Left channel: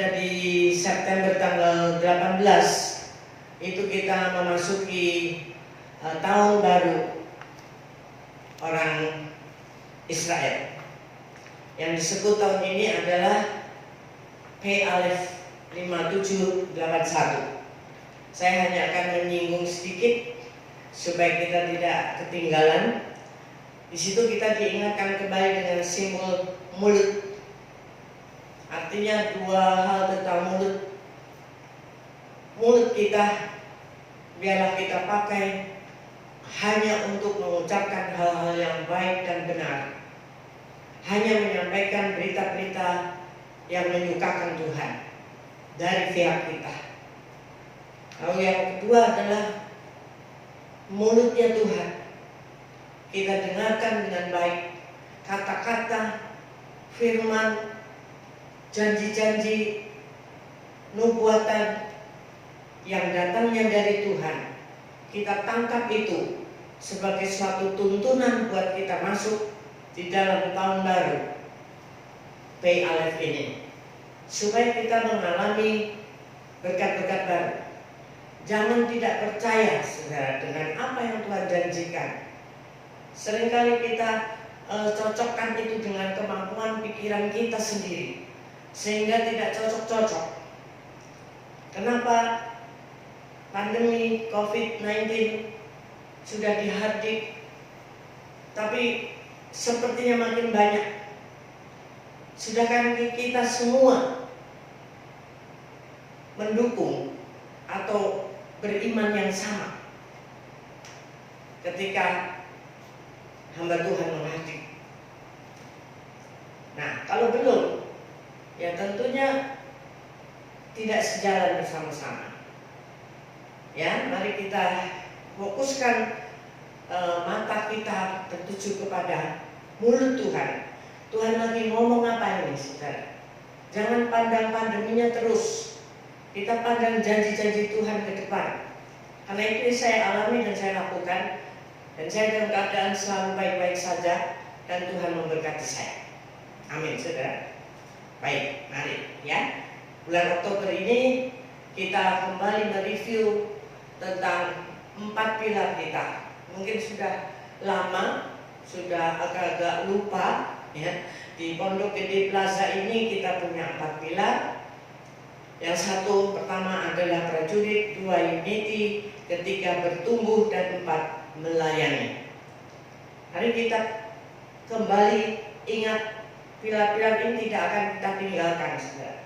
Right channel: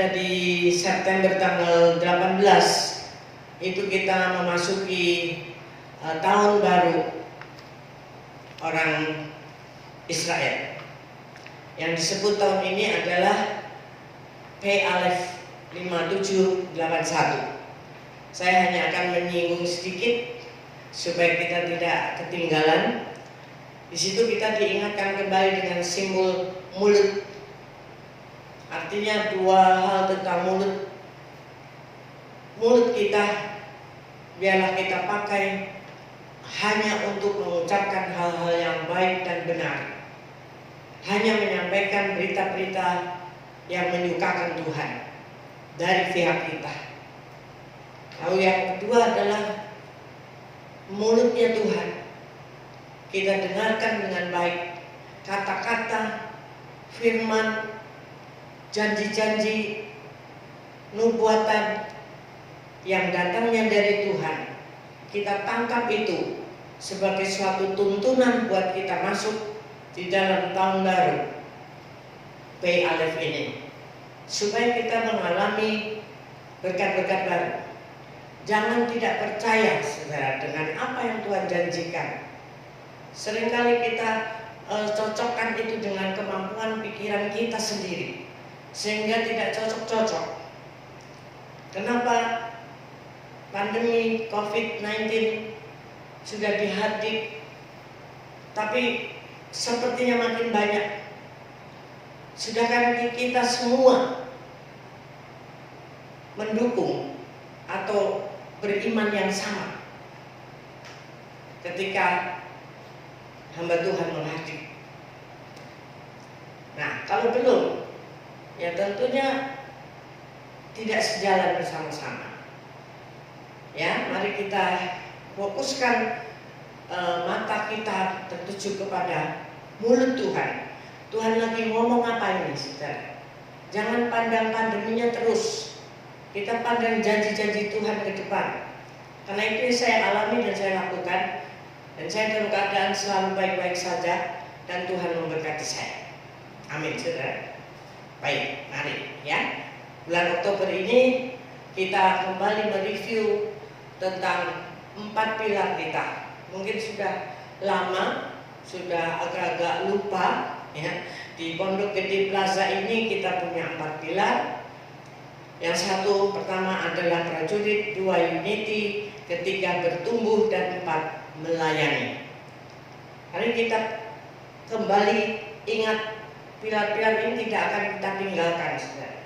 ada di September tanggal 18 itu kita memasuki tahun baru orang Israel. Yang disebut tahun ini adalah P Alef 5781. Saya hanya akan menyinggung sedikit supaya kita tidak ketinggalan. Di situ kita diingatkan kembali dengan simbol mulut. Artinya dua hal tentang mulut. Mulut kita biarlah kita pakai hanya untuk mengucapkan hal-hal yang baik dan benar. Hanya menyampaikan berita-berita yang menyukakan Tuhan dari pihak kita. Lalu yang kedua adalah mulutnya Tuhan. Kita dengarkan dengan baik kata-kata, firman, janji-janji, nubuatan yang datangnya dari Tuhan. Kita tangkap itu sebagai suatu tuntunan buat kita masuk di dalam tahun baru P Alef ini, supaya kita mengalami berkat-berkat baru. Jangan tidak percaya, saudara, dengan apa yang Tuhan janjikan. Seringkali kita cocokkan itu dengan kemampuan pikiran kita sendiri, sehingga tidak cocok-cocok. Kenapa pandemi COVID-19 sudah dihadik, tapi sepertinya makin banyak? Sedangkan kita semua mendukung atau beriman yang sama ketika hamba Tuhan menghadik. Nah, kalau belum, ya tentunya tidak sejalan bersama-sama. Ya, mari kita fokuskan mata kita tertuju kepada mulut Tuhan. Tuhan lagi ngomong apa ini, saudara? Jangan pandang pandeminya terus. Kita pandang janji-janji Tuhan ke depan. Karena itu yang saya alami dan saya lakukan. Dan saya dalam keadaan selalu baik-baik saja. Dan Tuhan memberkati saya. Amin, saudara. Baik, mari ya. Bulan Oktober ini kita kembali mereview tentang 4 pilar kita. Mungkin sudah lama, sudah agak-agak lupa ya. Di Pondok Gede Plaza ini kita punya 4 pilar. Yang satu pertama adalah prajurit, 2 unity, ketiga bertumbuh, dan 4 melayani. Hari kita kembali ingat pilar-pilar ini tidak akan kita tinggalkan, saudara.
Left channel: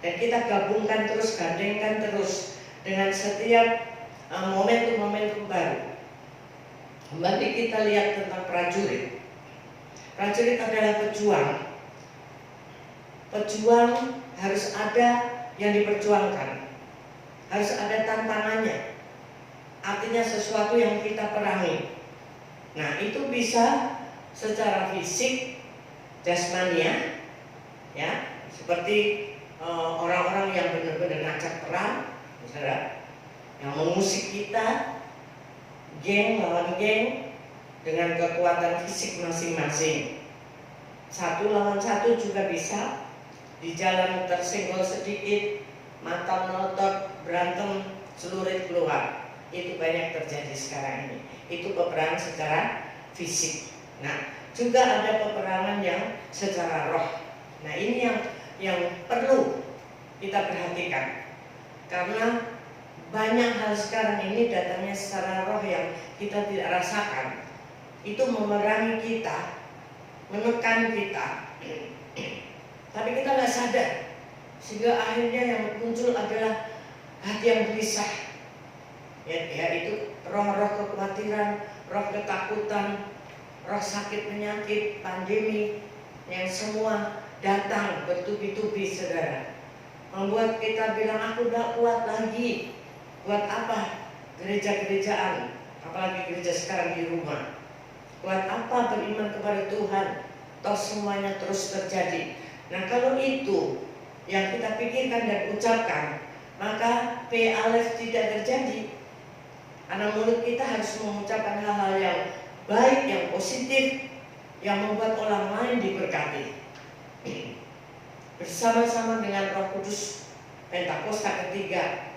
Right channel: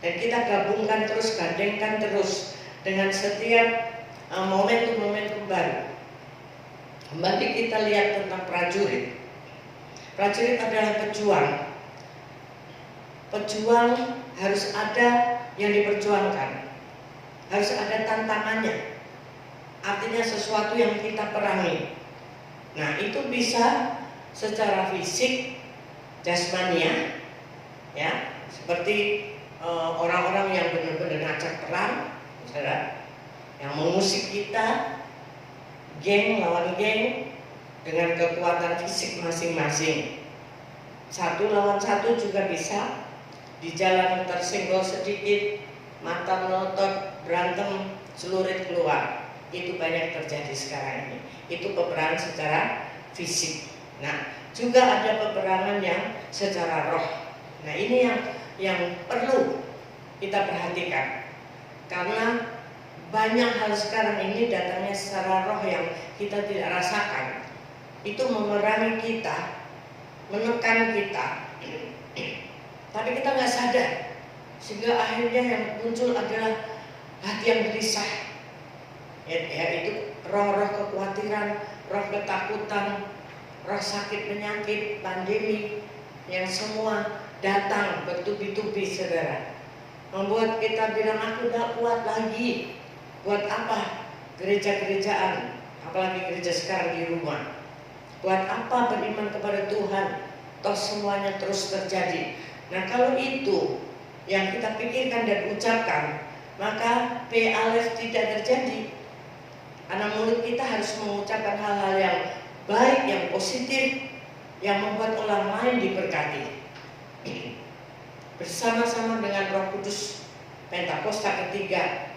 Dan kita gabungkan terus, gandengkan terus dengan setiap momentum-momentum baru. Mari kita lihat tentang prajurit. Prajurit adalah pejuang. Pejuang harus ada yang diperjuangkan, harus ada tantangannya. Artinya sesuatu yang kita perangi. Nah, itu bisa secara fisik, jasmania, ya, seperti orang-orang yang benar-benar ngajak perang, saudara, yang mengusik kita, geng lawan geng, dengan kekuatan fisik masing-masing. 1 lawan 1 juga bisa. Di jalan tersenggol sedikit, mata melotot, berantem, celurit keluar. Itu banyak terjadi sekarang ini. Itu peperangan secara fisik. Nah, juga ada peperangan yang secara roh. Nah, ini yang perlu kita perhatikan. Karena banyak hal sekarang ini datangnya secara roh yang kita tidak rasakan. Itu memerangi kita, menekan kita. Tapi kita nggak sadar, sehingga akhirnya yang muncul adalah hati yang gelisah. Yaitu roh-roh kekhawatiran, roh ketakutan, roh sakit penyakit, pandemi, yang semua datang bertubi-tubi, saudara. Membuat kita bilang, aku nggak kuat lagi. Buat apa gereja-gerejaan, apalagi gereja sekarang di rumah? Buat apa beriman kepada Tuhan? Toh semuanya terus terjadi. Nah, kalau itu yang kita pikirkan dan ucapkan, maka P Alef tidak terjadi. Karena mulut kita harus mengucapkan hal-hal yang baik, yang positif, yang membuat orang lain diberkati. bersama-sama dengan Roh Kudus Pentakosta ketiga,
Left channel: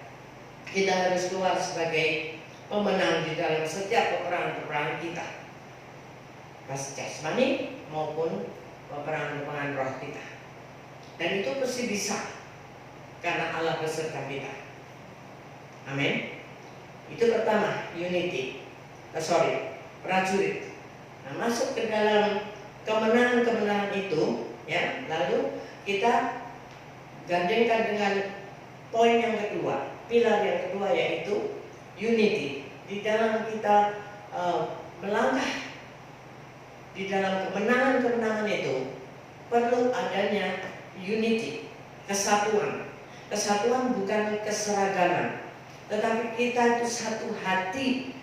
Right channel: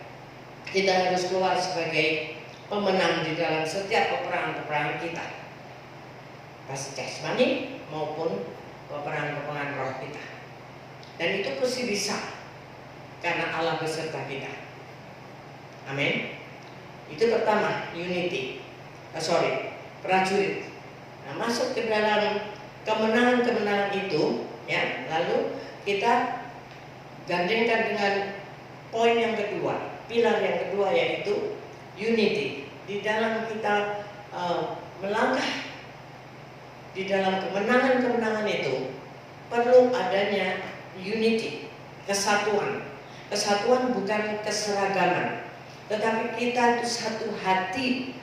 kita harus keluar sebagai pemenang di dalam setiap peperangan-peperangan kita, baik jasmani maupun peperangan-peperangan roh kita. Dan itu pasti bisa karena Allah beserta kita. Amin. Itu pertama, unity. Prajurit. Nah, masuk ke dalam kemenangan-kemenangan itu, ya. Lalu kita gandengkan dengan poin yang kedua, pilar yang kedua, yaitu unity. Di dalam kita melangkah di dalam kemenangan-kemenangan itu perlu adanya unity, kesatuan. Kesatuan bukan keseragaman, tetapi kita itu satu hati.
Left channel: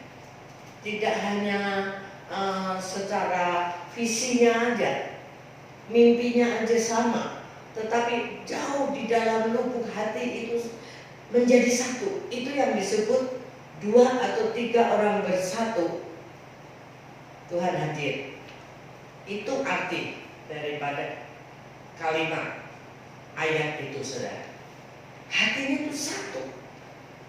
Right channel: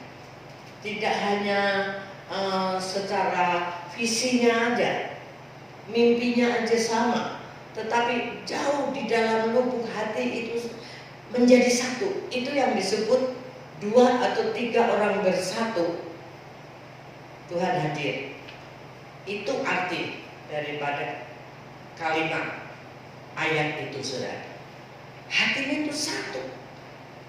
Tidak hanya secara visinya aja, mimpinya aja sama, tetapi jauh di dalam lubuk hati itu menjadi satu. Itu yang disebut 2 atau 3 orang bersatu, Tuhan hadir. Itu arti daripada kalimat ayat itu, saudara. Hatinya itu satu.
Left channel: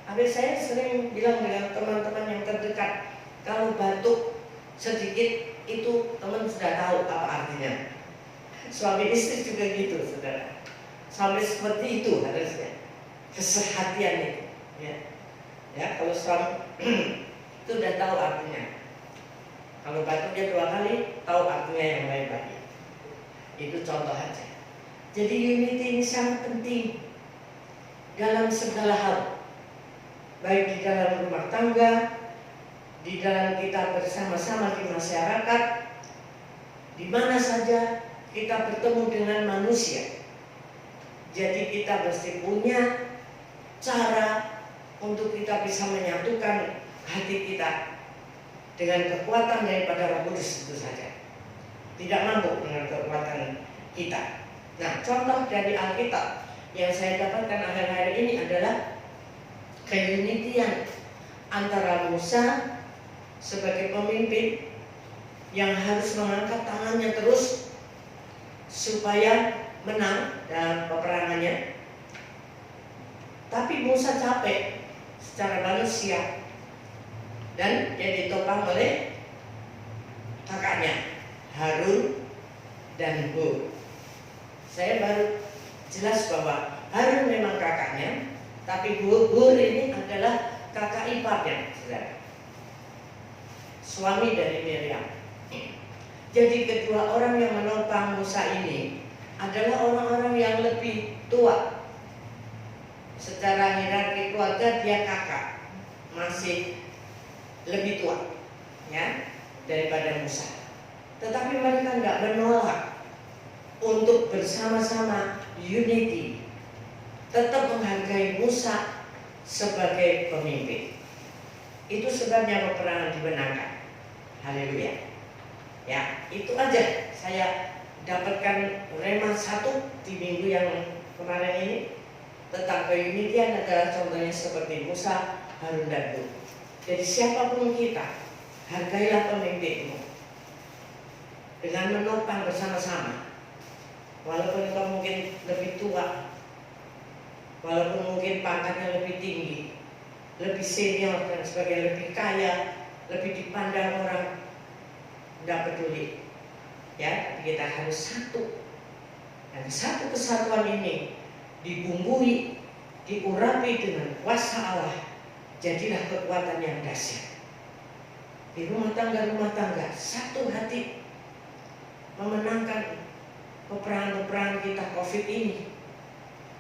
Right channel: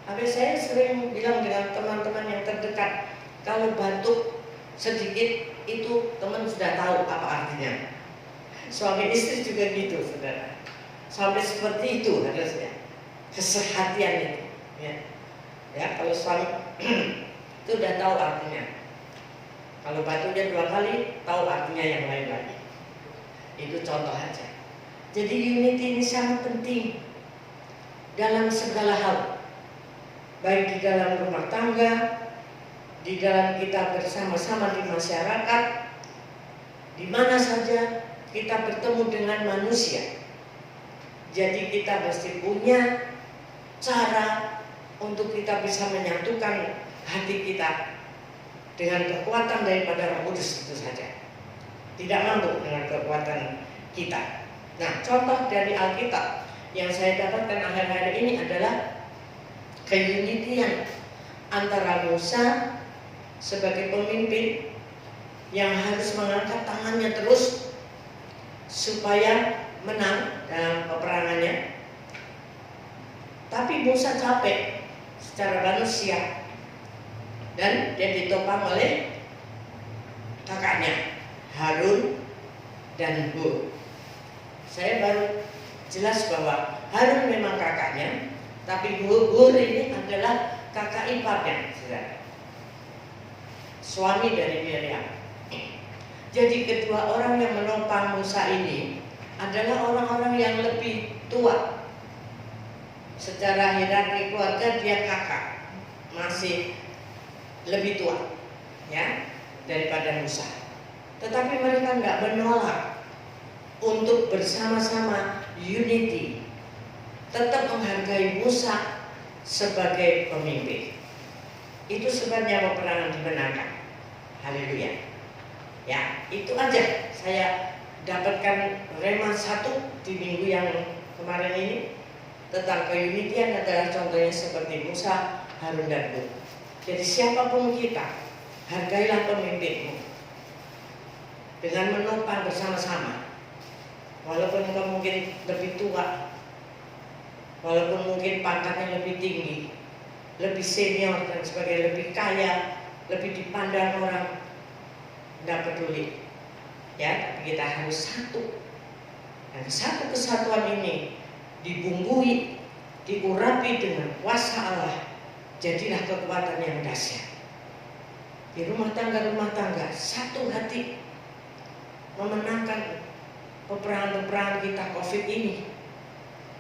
Habis saya sering bilang dengan teman-teman yang terdekat, kalau batuk sedikit itu teman sudah tahu apa artinya. Suami istri juga gitu, saudara. Sampai seperti itu harusnya kesehatian itu, ya kalau suami itu sudah tahu artinya. Kalau batuknya 2 kali, tahu artinya yang lain lagi. Itu contoh aja. Jadi unity ini sangat penting dalam segala hal, baik di dalam rumah tangga, di dalam kita bersama-sama di masyarakat, di mana saja kita bertemu dengan manusia. Jadi kita mesti punya cara untuk kita bisa menyatukan hati kita dengan kekuatan daripada Roh Kudus itu saja. Tidak mampu dengan kekuatan kita. Nah, contoh dari Alkitab yang saya dapatkan akhir-akhir ini adalah keunitian antara Musa sebagai pemimpin yang harus mengangkat tangannya terus supaya menang dalam peperangannya. Tapi Musa capek secara manusia dan dia ditopang oleh kakaknya Harun dan Hur. Saya baru jelas bahwa Harun memang kakaknya, tapi Hur ini adalah kakak iparnya, saudara. Suami dari Miriam. Jadi kedua orang yang menopang Musa ini adalah orang-orang yang lebih tua. Secara hierarki keluarga dia kakak, masih lebih tua, ya, daripada Musa. Tetapi mereka nggak menolak untuk bersama-sama unity, tetap menghargai Musa sebagai pemimpin. Itu sebabnya peperangan dimenangkan. Haleluya. Ya, itu aja saya dapatkan rema 1 di minggu yang kemarin ini tentang keunitian adalah contohnya seperti Musa, Harun dan Hur. Jadi siapapun kita, hargailah pemimpinmu dengan menopang bersama-sama. Walaupun engkau mungkin lebih tua, walaupun mungkin pangkatnya lebih tinggi, lebih senior dan sebagainya, lebih kaya, lebih dipandang orang, tidak peduli, ya. Tapi kita harus satu, dan satu kesatuan ini dibumbui, diurapi dengan kuasa Allah, jadilah kekuatan yang dahsyat. Di rumah tangga satu hati memenangkan peperangan-peperangan kita COVID ini.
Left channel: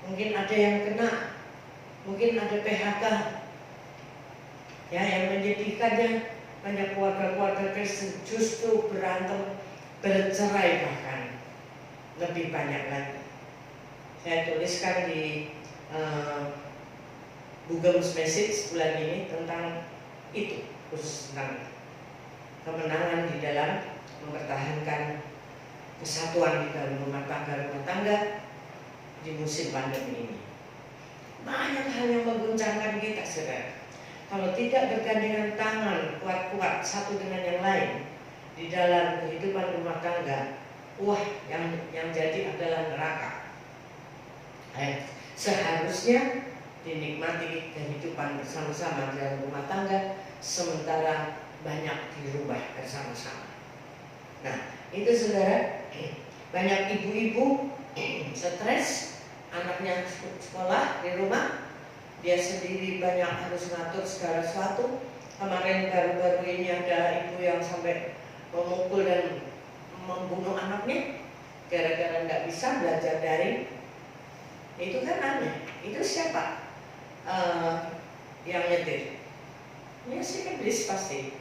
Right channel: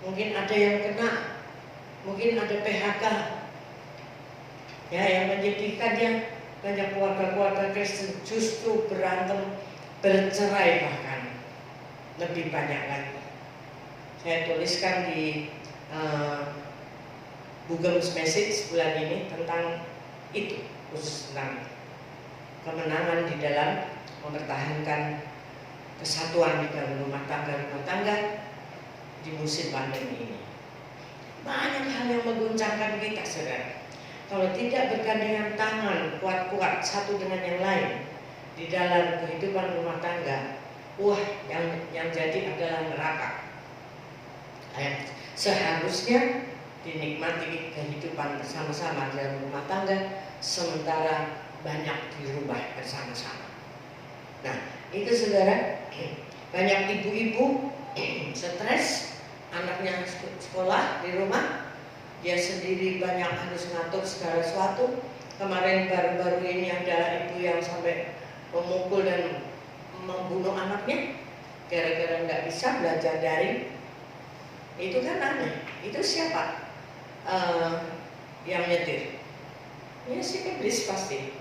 Mungkin ada yang kena, mungkin ada PHK, ya, yang menyedihkannya banyak keluarga-keluarga Kristen justru berantem, bercerai, bahkan lebih banyak lagi. Saya tuliskan di Bugem's Message bulan ini tentang itu, khusus tentang kemenangan di dalam mempertahankan kesatuan di dalam rumah tangga di musim pandemi ini. Banyak hal yang mengguncangkan kita, saudara. Kalau tidak bergandengan tangan kuat-kuat satu dengan yang lain di dalam kehidupan rumah tangga, yang jadi adalah neraka. Seharusnya dinikmati kehidupan bersama-sama dalam rumah tangga, sementara banyak dirubah bersama-sama. Nah, itu saudara, banyak ibu-ibu stres, anaknya sekolah di rumah, dia sendiri banyak harus ngatur segala sesuatu. Kemarin baru-baru ini ada ibu yang sampai memukul dan membunuh anaknya gara-gara nggak bisa belajar daring. Itu kan aneh. Itu siapa yang nyetir? Ya si iblis pasti.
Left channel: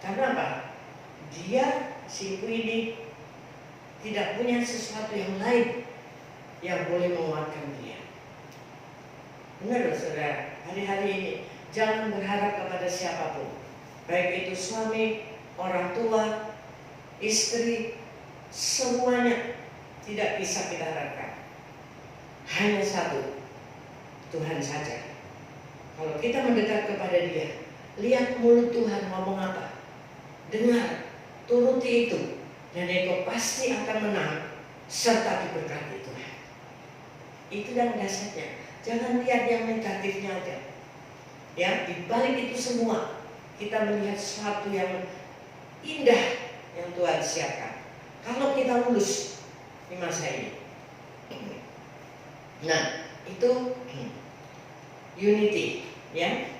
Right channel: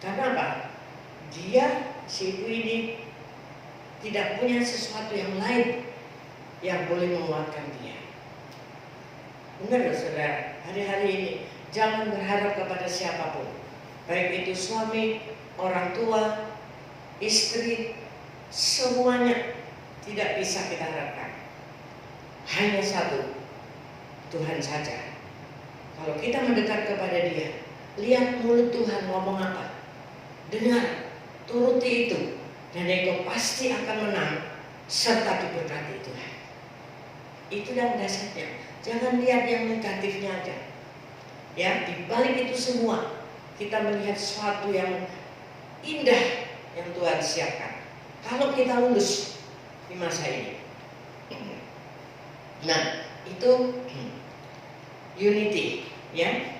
Karena apa? Dia, si ibu ini tidak punya sesuatu yang lain yang boleh menguatkan dia. Benar loh saudara, hari-hari ini jangan berharap kepada siapapun, baik itu suami, orang tua, istri, semuanya tidak bisa kita harapkan. Hanya satu, Tuhan saja. Kalau kita mendekat kepada Dia, lihat mulut Tuhan ngomong apa, dengar, turuti itu, dan engkau pasti akan menang serta diberkati Tuhan. Itu yang dasarnya. Jangan lihat yang negatifnya aja. Ya, di balik itu semua kita melihat sesuatu yang indah yang Tuhan siapkan. Kalau kita lulus di masa ini. Nah, itu unity, ya.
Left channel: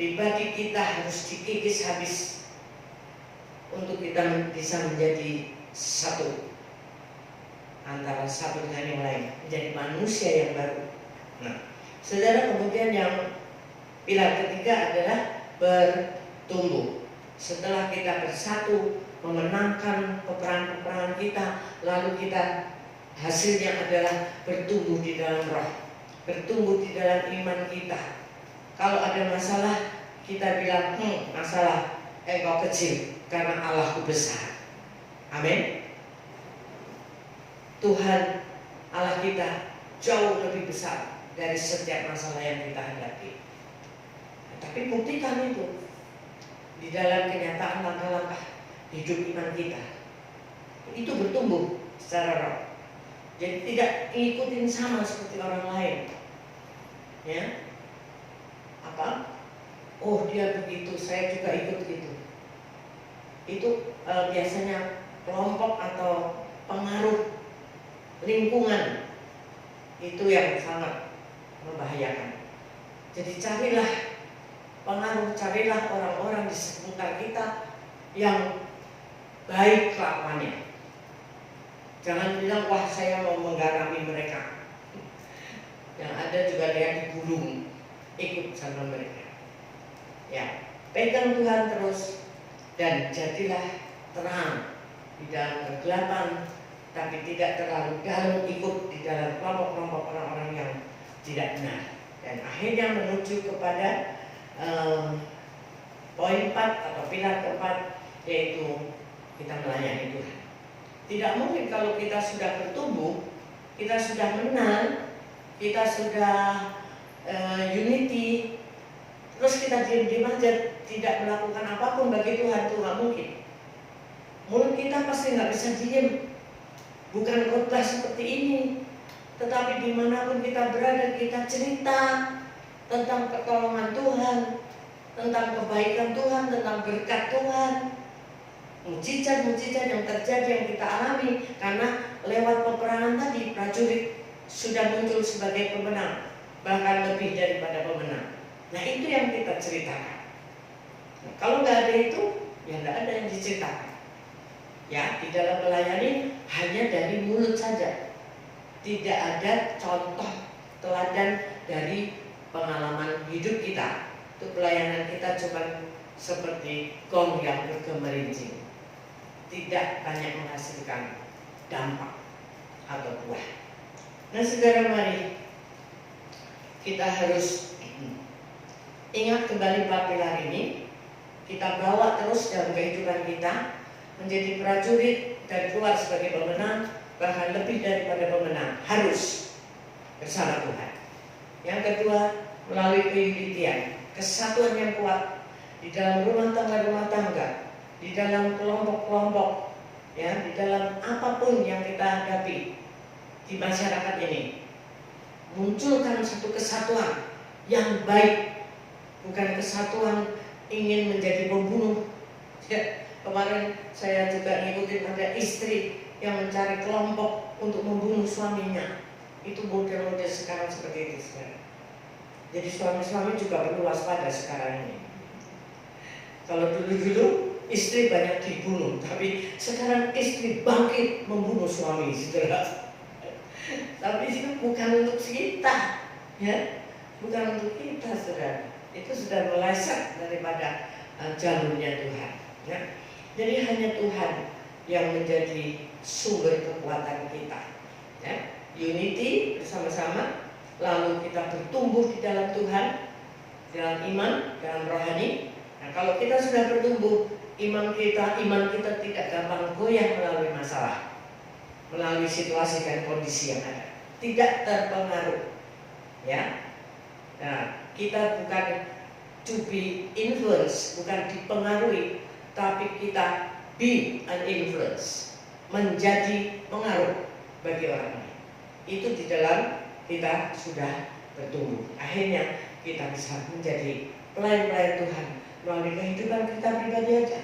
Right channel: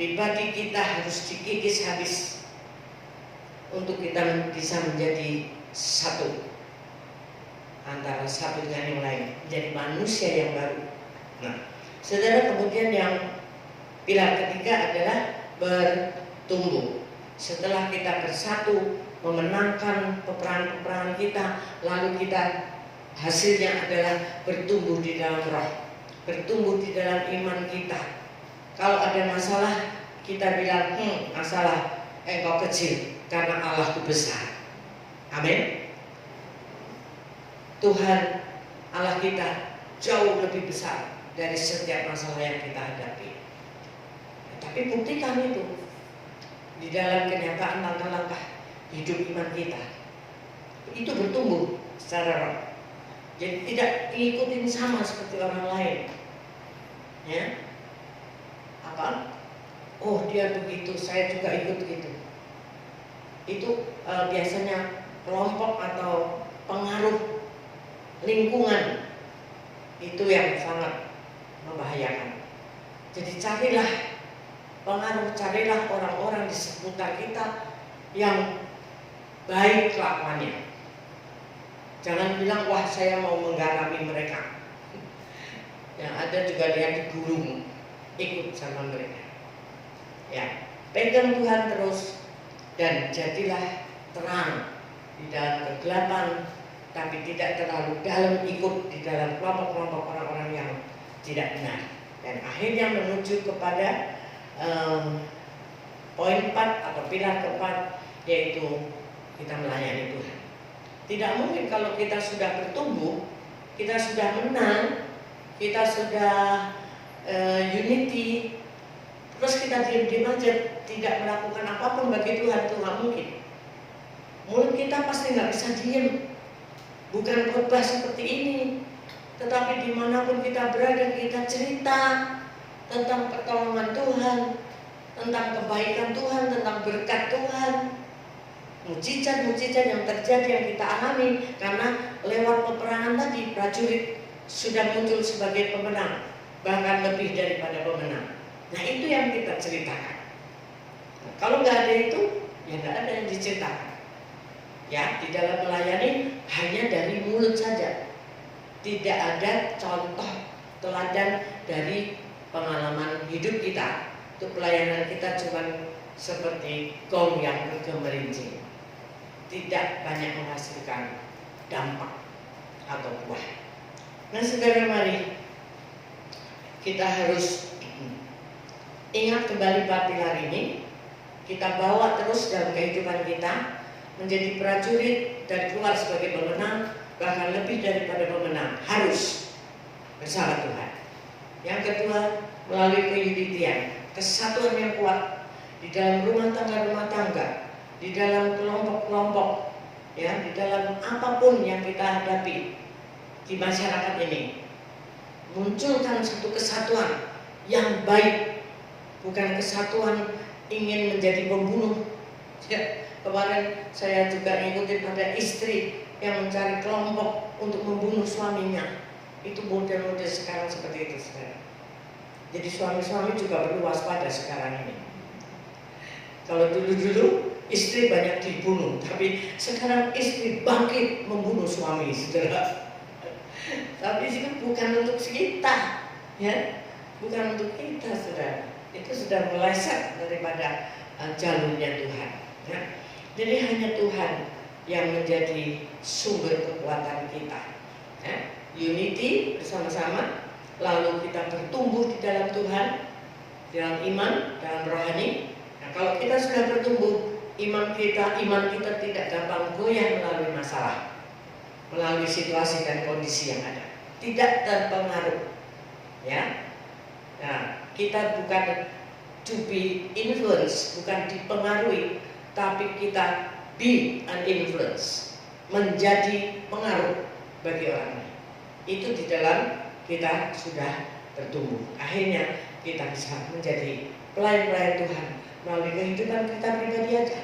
Pribadi kita harus dikikis habis untuk kita bisa menjadi satu antara satu dengan yang lain, menjadi manusia yang baru. Nah, saudara, kemudian yang pilar ketiga adalah bertumbuh. Setelah kita bersatu memenangkan peperangan kita, lalu kita hasilnya adalah bertumbuh di dalam roh, bertumbuh di dalam iman kita. Kalau ada masalah, kita bilang, masalah engkau kecil karena Allahku besar. Amin. Tuhan Allah kita jauh lebih besar dari setiap masalah yang kita hadapi. Tapi buktikan itu di dalam kenyataan langkah-langkah hidup iman kita. Itu bertumbuh secara roh. Jadi tidak diikutin sama seperti orang lain. Ya. Apa? Oh, dia begitu, saya juga ikut gitu. Itu biasanya kelompok atau pengaruh lingkungan itu yang sangat membahayakan. Jadi carilah pengaruh, carilah orang-orang di sekitar kita yang baik kelakuannya. Jangan bilang, wah saya mau menggarami mereka. Yang ada juga dia digulung, ikut sama mereka. Ya, pegang Tuhan terus dan jadilah terang di dalam kegelapan, tapi tidak terlalu dalam ikut di dalam kelompok-kelompok orang-orang yang tidak benar. Dan akhirnya menuju kepada poin 4 atau pilar keempat, yaitu kita melayani Tuhan. Tidak mungkin kalau kita sudah bertumbuh, kita sudah menang, kita sudah unity, terus kita diam-diam aja tidak melakukan apapun bagi Tuhan, itu nggak mungkin. Mulut kita pasti nggak bisa diam. Bukan khotbah seperti ini, tetapi dimanapun kita berada, kita cerita tentang pertolongan Tuhan, tentang kebaikan Tuhan, tentang berkat Tuhan, mujizat-mujizat yang terjadi yang kita alami. Karena lewat peperangan tadi, prajurit sudah muncul sebagai pemenang, bahkan lebih daripada pemenang. Nah, itu yang kita ceritakan. Nah, kalau nggak ada itu, ya nggak ada yang diceritakan. Ya, di dalam melayani hanya dari mulut saja, tidak ada contoh teladan dari pengalaman hidup kita. Untuk pelayanan kita cuma seperti gong yang bergemerincing, tidak banyak menghasilkan dampak atau buah. Nah, saudara, mari kita harus ingat kembali 4 pilar ini, kita bawa terus dalam kehidupan kita, menjadi prajurit dan keluar sebagai pemenang, bahkan lebih daripada pemenang, harus bersama Tuhan. Yang kedua, melalui keunitian, kesatuan yang kuat di dalam rumah tangga, di dalam kelompok-kelompok, ya, di dalam apapun yang kita hadapi di masyarakat ini. munculkan satu kesatuan yang baik, bukan kesatuan ingin menjadi pembunuh. Ya, kemarin saya juga ngikutin ada istri yang mencari kelompok untuk membunuh suaminya. Itu model-model sekarang seperti itu sekarang. Jadi suami-suami juga perlu waspada sekarang ini. Kalau dulu-dulu istri banyak dibunuh, tapi sekarang istri bangkit membunuh suami, saudara. Tapi itu bukan untuk kita, ya, bukan untuk kita, saudara. Itu sudah meleset daripada jalurnya Tuhan. Ya. Jadi hanya Tuhan yang menjadi sumber kekuatan kita. Ya. Unity bersama-sama, lalu kita bertumbuh di dalam Tuhan, dalam iman, dalam rohani. Nah, kalau kita sudah bertumbuh, iman kita tidak gampang goyah melalui masalah, melalui situasi dan kondisi yang ada, tidak terpengaruh. Ya, nah, kita bukan to be influence, bukan dipengaruhi, tapi kita be an influence, menjadi pengaruh bagi orang lain. Itu di dalam kita sudah bertumbuh. Akhirnya kita bisa menjadi pelayan-pelayan Tuhan melalui kehidupan kita pribadi aja.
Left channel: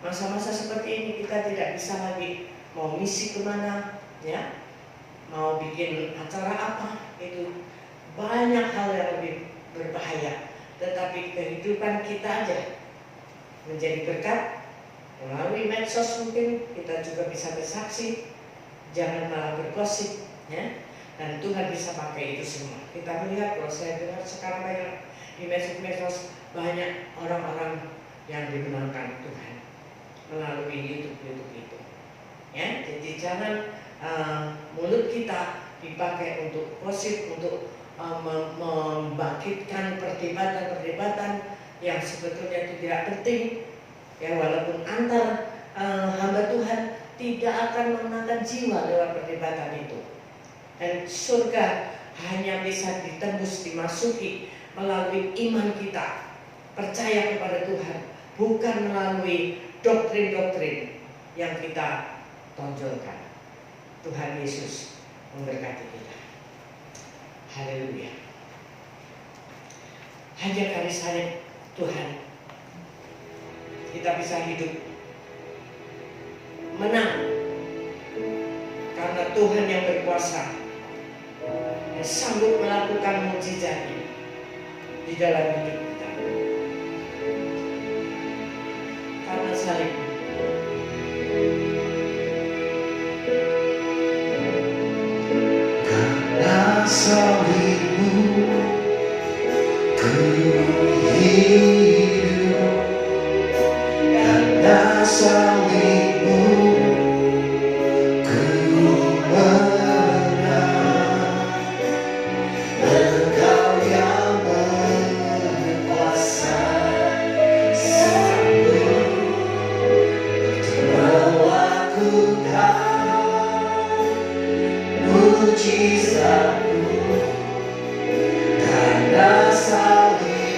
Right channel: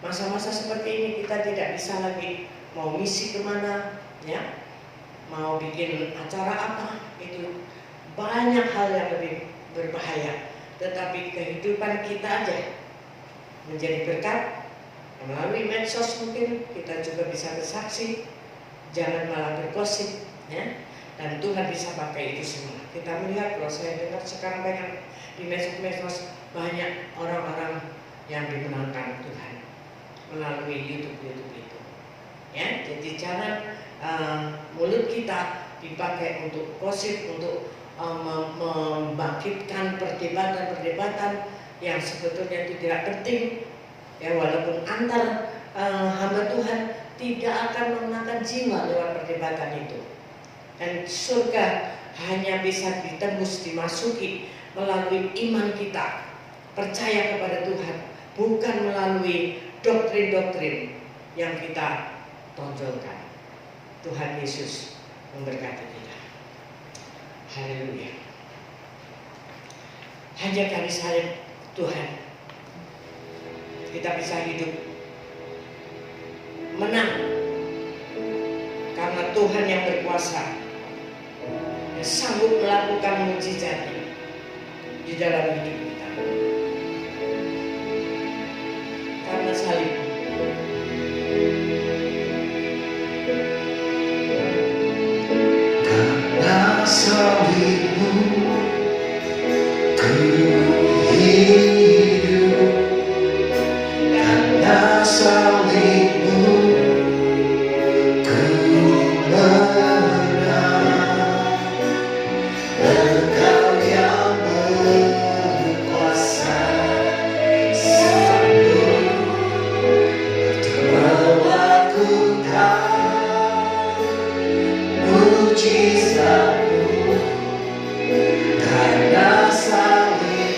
Masa-masa seperti ini kita tidak bisa lagi mau misi kemana, ya, mau bikin acara apa, itu banyak hal yang lebih berbahaya. Tetapi kehidupan kita aja menjadi berkat. Melalui medsos mungkin kita juga bisa bersaksi, jangan malah bergosip, ya. Dan Tuhan bisa pakai itu semua. Kita melihat, kalau saya dengar sekarang banyak di medsos banyak orang-orang yang dimenangkan Tuhan melalui YouTube itu. Ya, jadi jangan mulut kita dipakai untuk gosip, untuk membangkitkan perdebatan-perdebatan yang sebetulnya itu tidak penting. Ya, walaupun antar hamba Tuhan tidak akan memenangkan jiwa lewat perdebatan itu. Dan surga hanya bisa ditembus, dimasuki melalui iman kita, percaya kepada Tuhan, bukan melalui doktrin-doktrin yang kita tonjolkan. Tuhan Yesus memberkati kita. Haleluya. Hanya karena salib Tuhan kita bisa hidup menang, karena Tuhan yang berkuasa yang sanggup melakukan mukjizatnya di dalam hidup kita. Karena salib. Karena salibmu ku hidup, karena salibmu ku menang. Engkau yang berkuasa, sanggup untuk melakukan mukjizatmu. Karena salibmu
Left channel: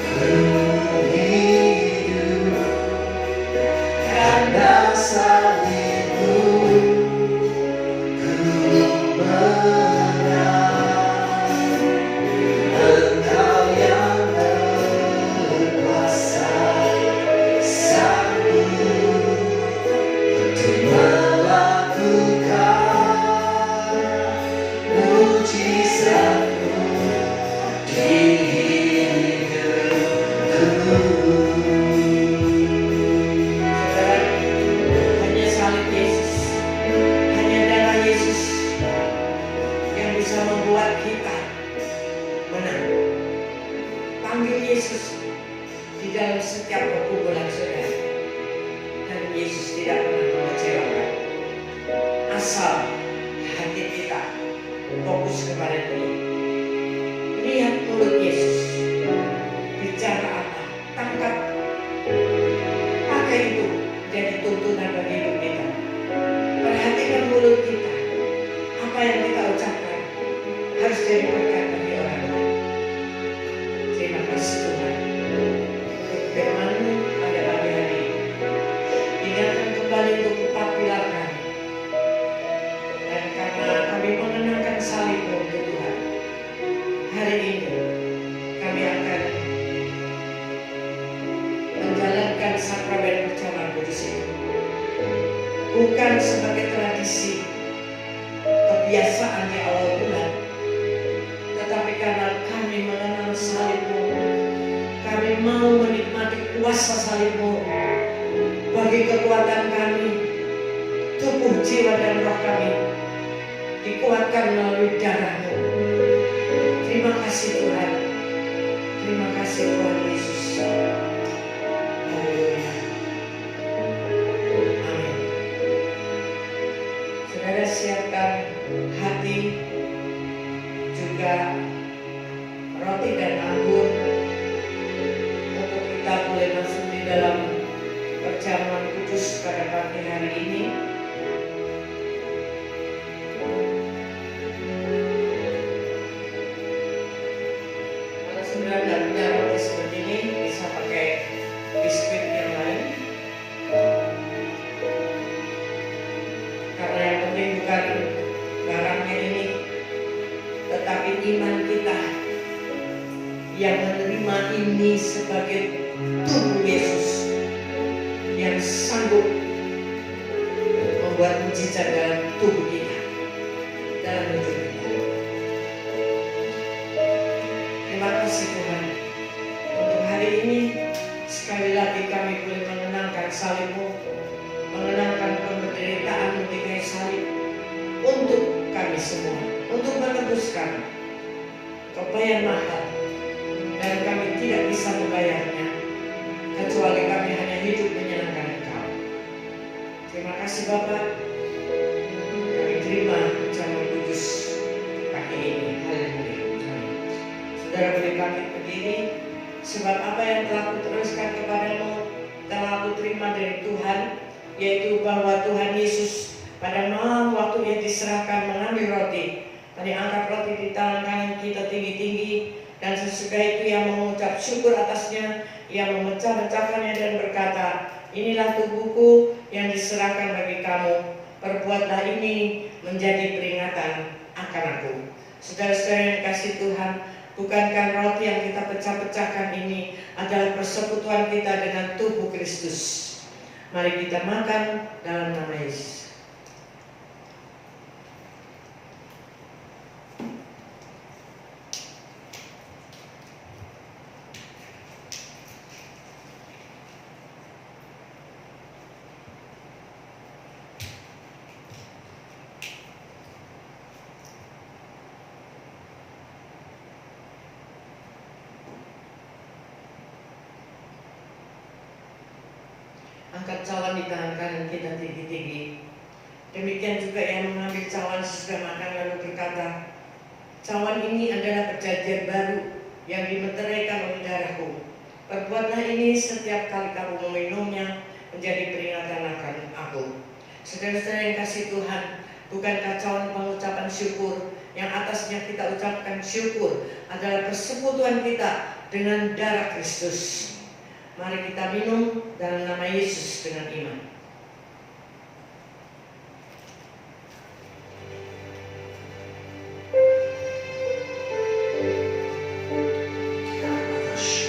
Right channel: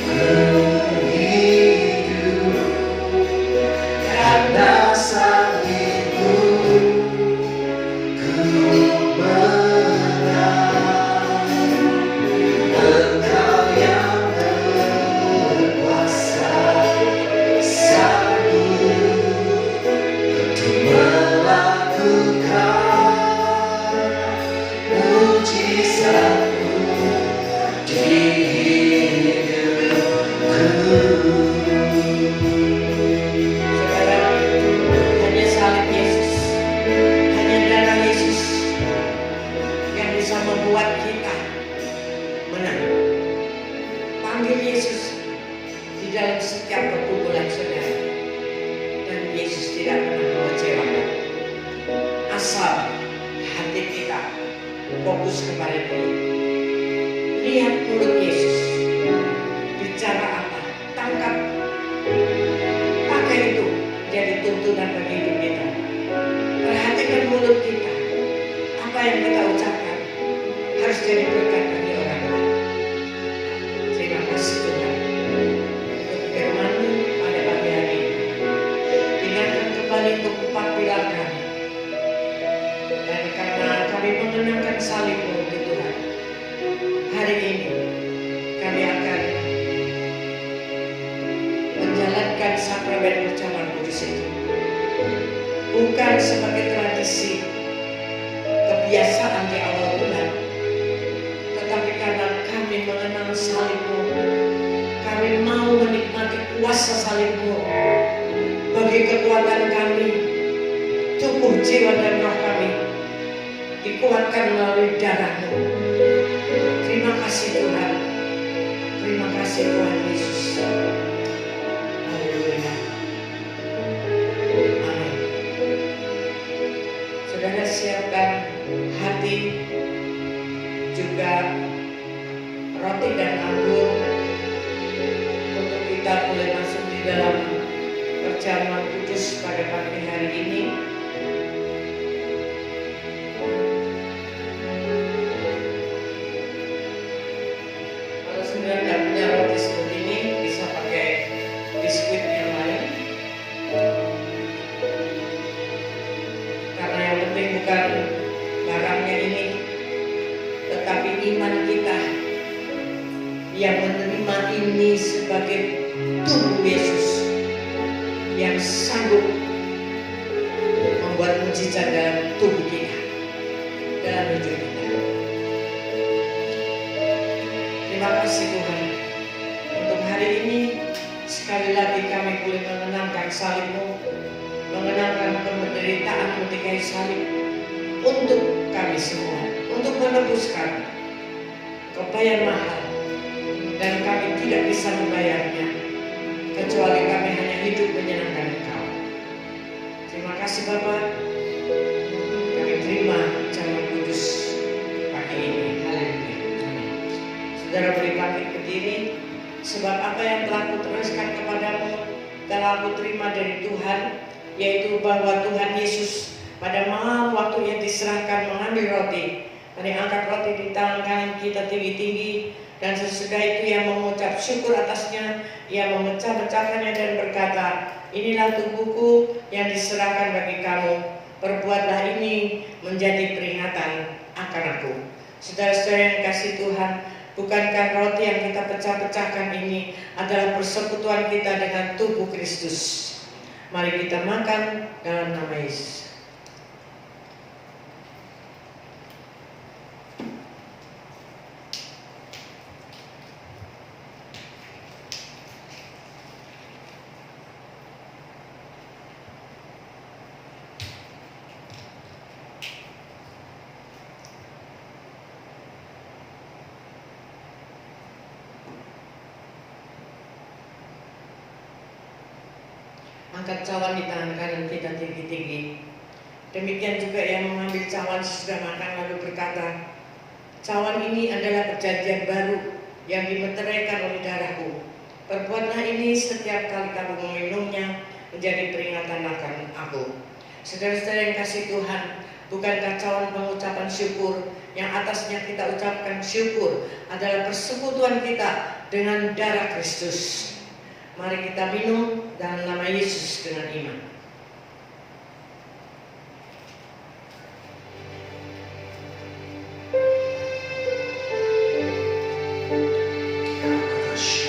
ku hidup, karena salibmu ku menang. Engkau yang berkuasa, sanggup untuk melakukan mukjizatmu di hidupku. Saudara, hanya salib Yesus, hanya darah Yesus yang bisa membuat kita menang. Panggil Yesus di dalam setiap pergumulan saudara, dan Yesus tidak pernah mengecewakan. Asal hati kita fokus kepada Dia. Lihat mulut Yesus bicara apa, tangkap, pakai itu jadi tuntunan bagi hidup kita. Perhatikan mulut kita, apa yang kita ucapkan harus jadi berkat bagi orang lain. Terima kasih Tuhan untuk firman-Mu pada pagi hari ini. Ingatkan kembali untuk 4 pilar kami. Dan karena kami mengenangkan bukan sebagai tradisi kebiasaan di awal bulan, tetapi karena kami mengenal salib-Mu, kami mau menikmati kuasa salib-Mu bagi kekuatan kami, tubuh, jiwa, dan roh kami dikuatkan melalui darah-Mu. Terima kasih Tuhan, terima kasih Tuhan Yesus. Haleluya. Amin. Saudara siapkan hati, juga roti dan anggur untuk kita boleh masuk di dalam perjamuan kudus pada pagi hari ini. Kalau saudara tidak punya roti seperti ini, bisa pakai biskuit yang lain. Karena yang penting bukan barangnya ini, tetapi iman kita yang menerima ini sebagai tubuh Yesus yang sanggup membuat mujizat dalam tubuh kita, dalam hidup kita. Terima kasih Tuhan untuk hari ini. Sekali lagi kami boleh mengenangkan salib-Mu, mengenangkan penderitaan di kayu salib untuk kami semua, untuk menebuskan. Kau bayar mahal dan kami tidak bisa membayarnya kecuali kami hanya hidup menyenangkan Engkau. Terima kasih Bapak, kami terima perjamuan kudus pagi ini. Haleluya. Amin. Saudara boleh bangkit berdiri, sebab apa yang telah kuteruskan kepadamu telah aku terima dari Tuhan, yaitu bahwa Tuhan Yesus pada malam waktu Ia diserahkan mengambil roti, Ia angkat roti di tangan kanan kita tinggi-tinggi, dan sesudah itu Ia mengucap syukur atasnya, Ia memecah-mecahkannya dan berkata, inilah tubuhku yang diserahkan bagi kamu, perbuatlah ini menjadi peringatan akan aku. Saudara-saudara yang dikasihi Tuhan, bukankah roti yang kita pecah-pecahkan ini adalah persekutuan kita dengan tubuh Kristus? Mari kita makan dalam nama Yesus. Angkat cawan di tangan kanan kita tinggi-tinggi. Demikian juga yang mengambil cawan sesudah makan lalu berkata, cawan ini adalah perjanjian baru yang dimeteraikan oleh darahku. Perbuatlah ini setiap kali kamu meminumnya menjadi peringatan akan aku. Saudara-saudara yang kasih Tuhan, bukankah cawan pengucapan syukur yang atasnya kita ucapkan syukur adalah persekutuan kita dengan darah Kristus? Mari kita minum dalam nama Yesus dengan iman. Terima kasih.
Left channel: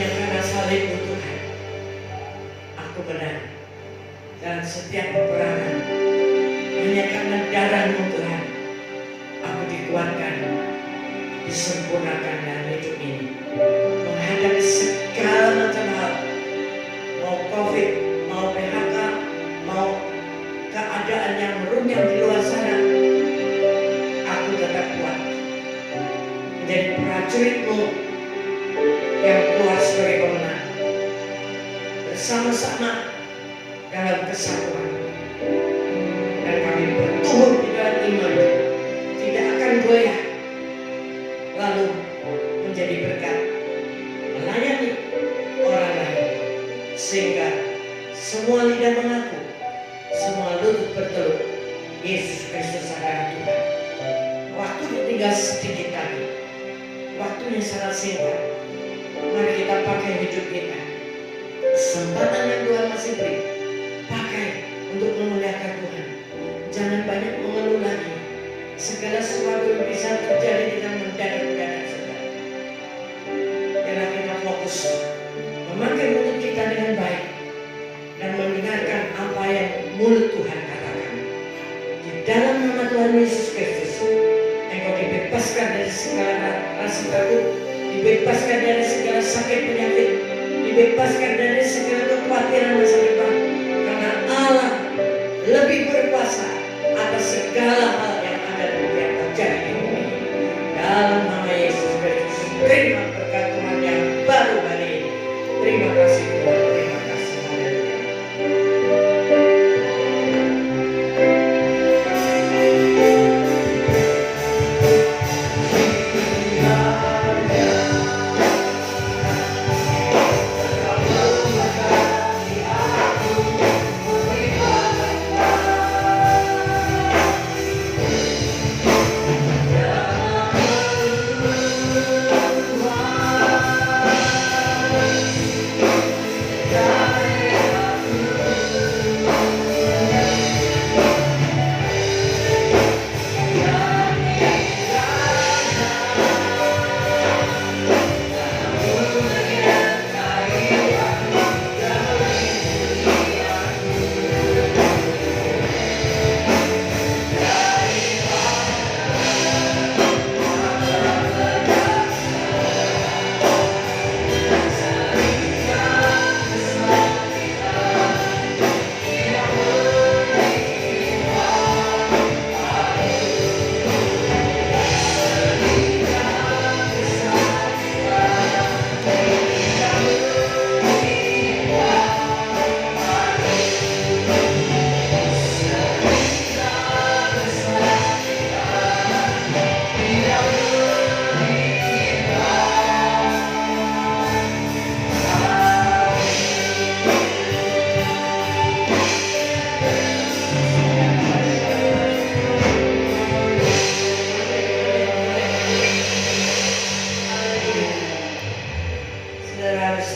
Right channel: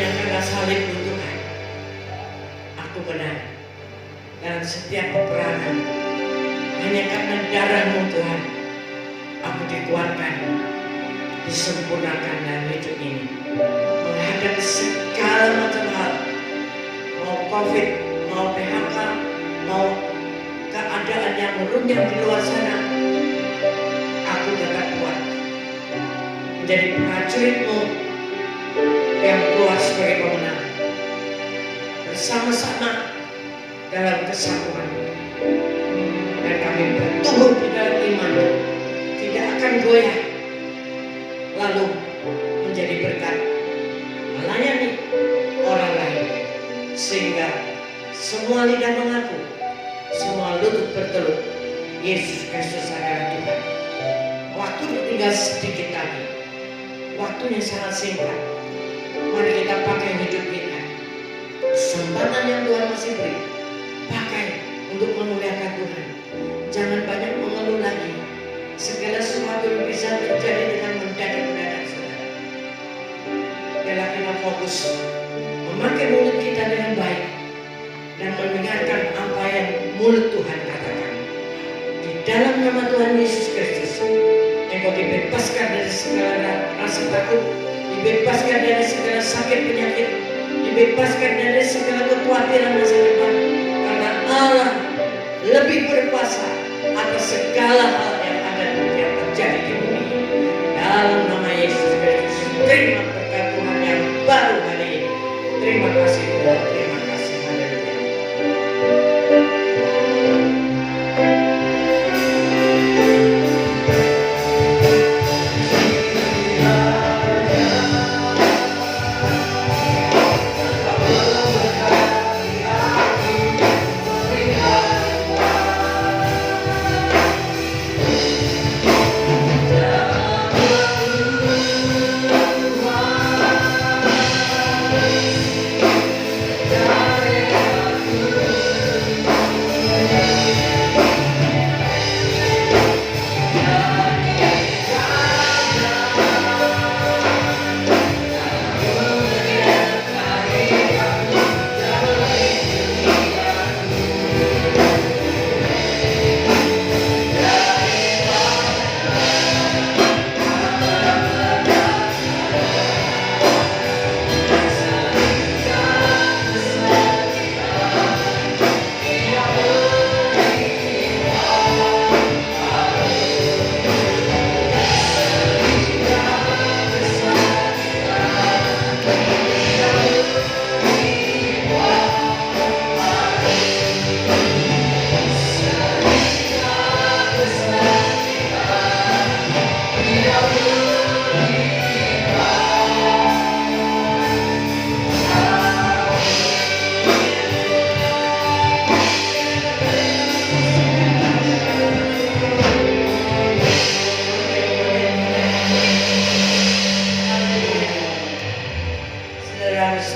hanya karena salibmu Tuhan, aku menang dalam setiap peperangan. Hanya karena darahmu Tuhan, aku dikuatkan, disempurnakan dalam hidup ini, menghadapi segala macam hal, mau COVID, mau PHK, mau keadaan yang merunyam di luar sana. Aku tetap kuat menjadi prajuritmu yang keluar sebagai pemenang, bersama-sama dalam kesatuan. Dan kami bertumbuh di dalam iman, tidak akan goyah, lalu menjadi berkat melayani orang lain, sehingga semua lidah mengaku, semua lutut bertelut, Yesus Kristus adalah Tuhan. Waktunya tinggal sedikit lagi, waktunya sangat singkat. Mari kita pakai hidup kita, kesempatan yang Tuhan masih beri, pakai untuk memuliakan Tuhan. Jangan banyak mengeluh lagi. Segala sesuatu bisa terjadi dengan mendadak-mendadak, saudara. Biarlah kita fokus memakai mulut kita dengan baik dan mendengarkan apa yang mulut Tuhan katakan. Di dalam nama Tuhan Yesus Kristus, engkau dibebaskan dari segala rasa takut, dibebaskan dari segala sakit penyakit, dibebaskan dari segala kekhawatiran masa depan, karena Allah lebih berkuasa atas segala hal yang ada dan yang terjadi di bumi ini. Dalam nama Yesus Kristus, terima berkat Tuhan yang baru hari ini. Terima kasih Tuhan, terima kasih. Haleluya.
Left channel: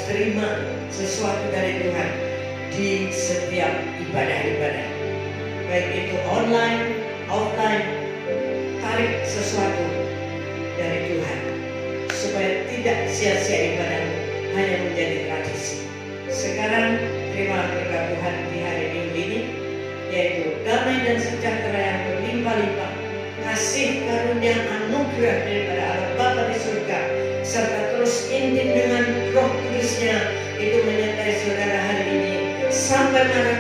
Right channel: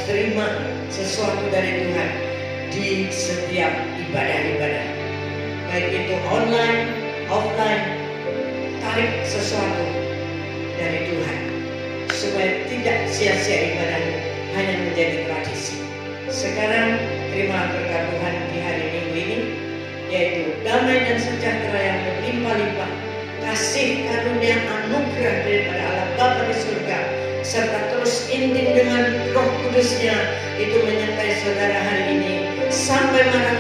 Terima sesuatu dari Tuhan di setiap ibadah-ibadah, baik itu online, offline. Tarik sesuatu dari Tuhan supaya tidak sia-sia ibadah hanya menjadi tradisi. Sekarang terima berkat Tuhan di hari Minggu ini, yaitu damai dan sejahtera yang berlimpah-limpah, kasih karunia anugerah daripada Allah Bapa di surga, serta terus intim dengan Roh Kudusnya itu menyertai saudara hari ini sampai mana